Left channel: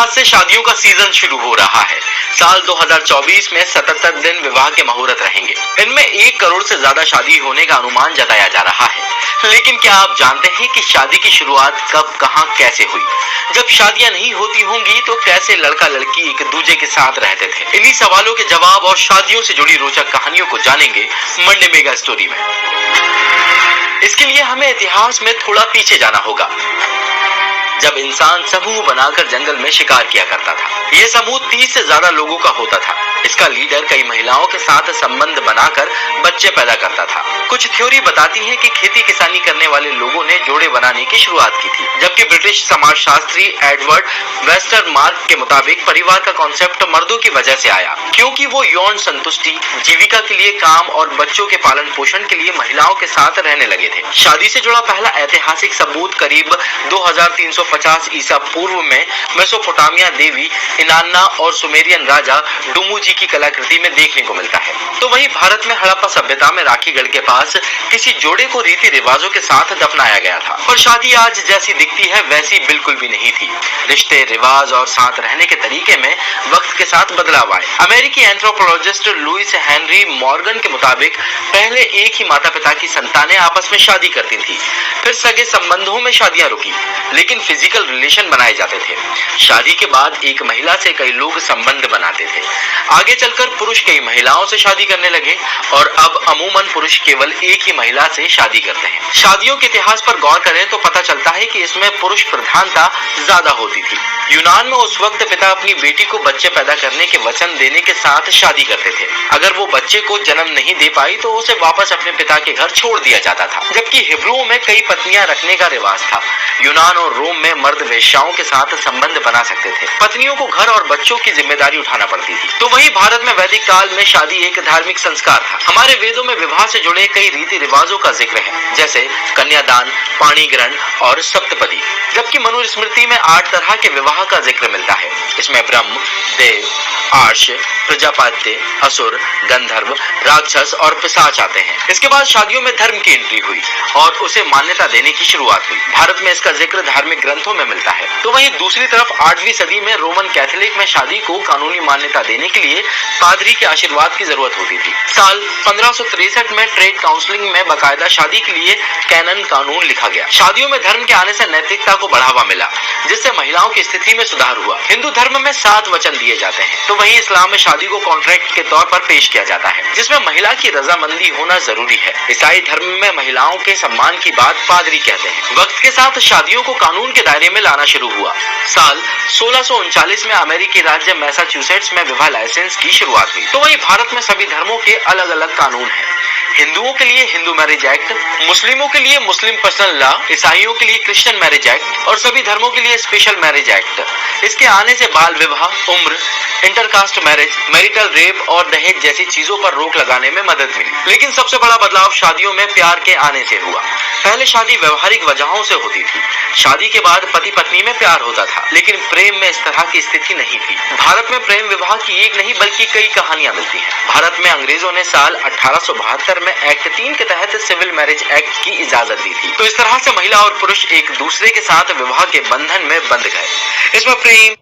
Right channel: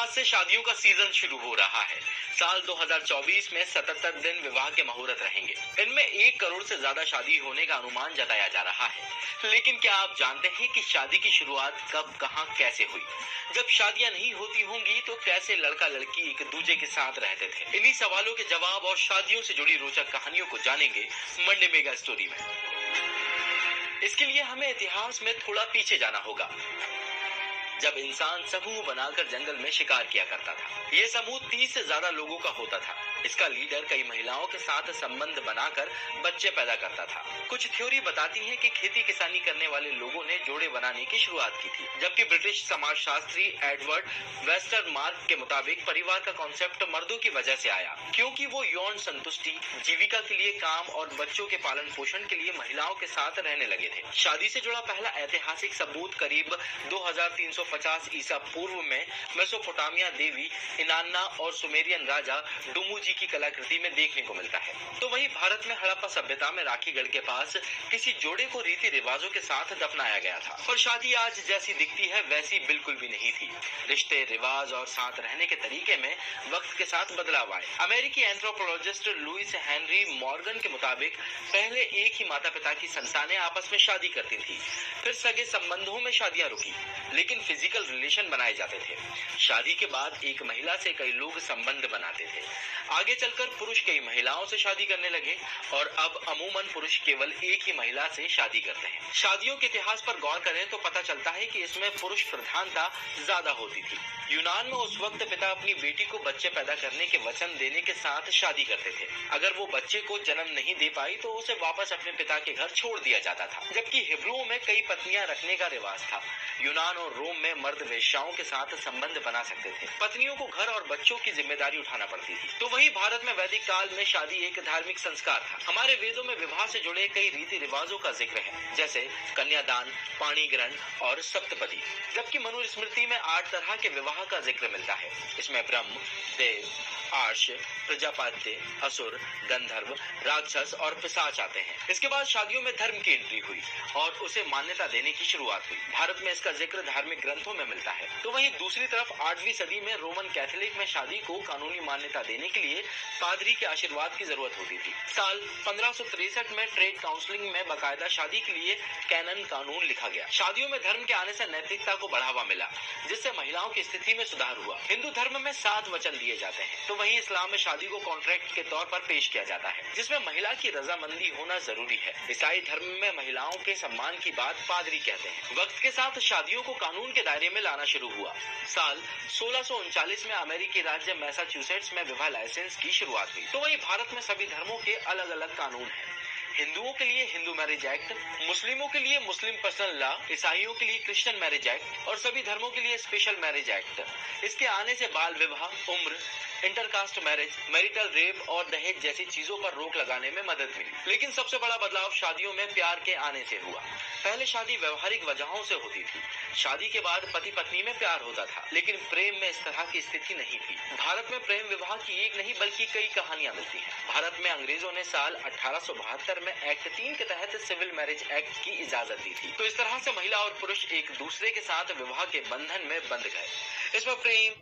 आज से शादियों का सीजन शुरू हो रहा है। साल 2024 में 77 दिन विवाह के मुहूर्त रहेंगे। इनमें 1 करोड़ से ज्यादा शादी होने का अनुमान जताया जा रहा है। लेकिन क्या आप जानते हैं कि शादी की शुरुआत कब, कहां, कैसे हुई? जब शादियां नहीं होती होंगी तो कैसे लड़का लड़की एक दूसरे के साथ रहते थे? इन्हीं सवालों के जवाब और शादियों से जुड़ी रोचक कहानियों को जानेंगे मंडे मेगा स्टोरी में। इसके लिए हमें इतिहास में थोड़ा पीछे जाना होगा, जब इंसान समूह बनाकर जंगल में शिकार किया करता था। ये समूह 30 से ज्यादा लोगों का होता था। इसका लीडर कई महिलाओं के साथ संबंध बनाकर बच्चे पैदा करता था। कुछ थ्योरी बताती है कि खेती किसानी करने वाले लोगों ने जोड़े बनाने की शुरुआत की थी, जबकि ब्रिटिश समाजशास्त्री एडवर्ड वेस्टरमार्क के मुताबिक परिवार का कॉन्सेप्ट मर्दों की वजह से आया, क्योंकि वो यौन संतुष्टि, जीविका के लिए काम और बच्चों के पालन पोषण के लिए महिलाओं के साथ रहने लगे थे। शादी से जुड़ा पहला ऐतिहासिक सबूत करीब 2350 ईसा पूर्व में मेसोपोटामिया देवी इनान्ना और सुमेरियन राजा डुमुजी की कलाकृति में देखने को मिलता है। तो वहीं भारत में हड़प्पा सभ्यता में राखीगढ़ के पास किसी जोड़े को रीति रिवाजों के साथ दफनाया गया था। और शादी आज जैसी दिखती है वैसी बिल्कुल भी नहीं थी। रिश्ते, रिवाज और साथ रहने के तरीके में वक्त के साथ बदलाव आए। अमेरिकी एंथ्रोपोलॉजिस्ट लुइस हेनरी मॉर्गन के मुताबिक पहले एक ही माता पिता की संतानें आपस में शादी करती थी, फिर सगे संबंधों में शादियां रुकी, लेकिन फिजिकल रिलेशन बनाए जाते थे। शादी के बाद एक महिला से कई लोग संबंध बनाते थे। आगे चलकर पुरुष कई महिलाओं से शादी करने लगे और अब अमूमन पुरुष केवल एक ही महिला से शादी करते हैं। शादियों के इतिहास पर गौर करें तो पता चलता है कि इसमें पुरुष प्रधानता ज्यादा होती थी। यूनान में उस वक्त पिता अपनी बेटी को बच्चे पैदा करने के वचन देने के साथ शादी करते थे। अगर वो बच्चे को जन्म नहीं दे पाई तो उसे वापस अपने पिता के घर छोड़ दिया जाता था। जबकि हिब्रुओं में कई पत्नियां रखने का रिवाज था। यूनान और रोम में मर्द वेश्याओं के साथ संबंध बना सकते थे। पत्नियों को घर और बच्चों की जिम्मेदारी उठाना पड़ती थी। तो वहीं भारत में वैदिक काल में शादी एक धार्मिक संस्कार था। हमारे वेदों में विवाह से जुड़े कई रीति रिवाजों का जिक्र है, जैसे कन्यादान, पाणी ग्रहण और सप्तपदी। जबकि मनुस्मृति में 8 तरह के विवाह का जिक्र मिलता है। इसमें ब्रह्म, देव, आर्ष, प्रजापत्य, असुर, गंधर्व, राक्षस और पिशाच आते हैं। इसके बाद शादियों में धर्म की एंट्री हुई और उसे मान्यता देने की शुरुआत हुई। भारत में इसका जिक्र धार्मिक ग्रंथों में मिलता है। तो वहीं दूसरी तरफ 8वीं सदी में रोमन कैथोलिक में शादी को कानूनी मान्यता देने के लिए पादरी के आशीर्वाद की जरूरत होती थी। साल 1563 में ट्रेड काउंसिलिंग में बाकायदा शादी के लिए कैनन कानून लिखा गया। शादियों में धर्म के आने से नैतिकता को बढ़ावा मिला, जिससे महिलाओं की स्थिति में सुधार हुआ। हिंदू धर्म में 7 वचन दिए जाते हैं, तो वहीं इस्लाम में शादी को कॉन्ट्रैक्ट के तौर पर पेश किया जाता है, जिसमें महिला की रजामंदी होना जरूरी है। ईसाई धर्म में महिलाओं के सम्मान की बात पादरी कहते हैं। वक्त के साथ शादियों को कानून के दायरे में लाना शुरू हुआ। साल 1639 में अमेरिकी राज्य मैसाचुसेट्स में विवाह लाइसेंस की शुरुआत हुई। तो वहीं भारत में सभी धर्मों के अलग अलग कानून हैं। हिंदुओं के लिए हिंदू मैरिज एक्ट, मुस्लिमों के लिए मुस्लिम पर्सनल लॉ, ईसाइयों के लिए क्रिश्चियन मैरिज एक्ट और सभी धर्मों के लिए स्पेशल मैरिज एक्ट। इसके आने से बाल विवाह, उम्र, इंटरकास्ट मैरिज, मैरिटल रेप और दहेज जैसी चीजों पर रोक लगाने में मदद मिली। लेकिन सबसे बड़ा बदलाव शादियों में प्यार के आने से हुआ। पहले शादी व्यवहारिक वजहों से होती थी। शादी के बाद पति पत्नी में प्यार होता था, लेकिन प्रेम में इस तरह की स्थिति नहीं थी। भारत में प्रेम विवाह की एक नहीं बल्कि कई कहानियां मिलती हैं। भारत में अंग्रेजों ने साल 1872 में एक्ट 3 के तहत सिविल मैरिज एक्ट की इजाजत दी थी। तो इस तरह से महिला और पुरुष एक दूसरे के साथ विवाह के बंधन में बंध गए। इसमें प्रेम,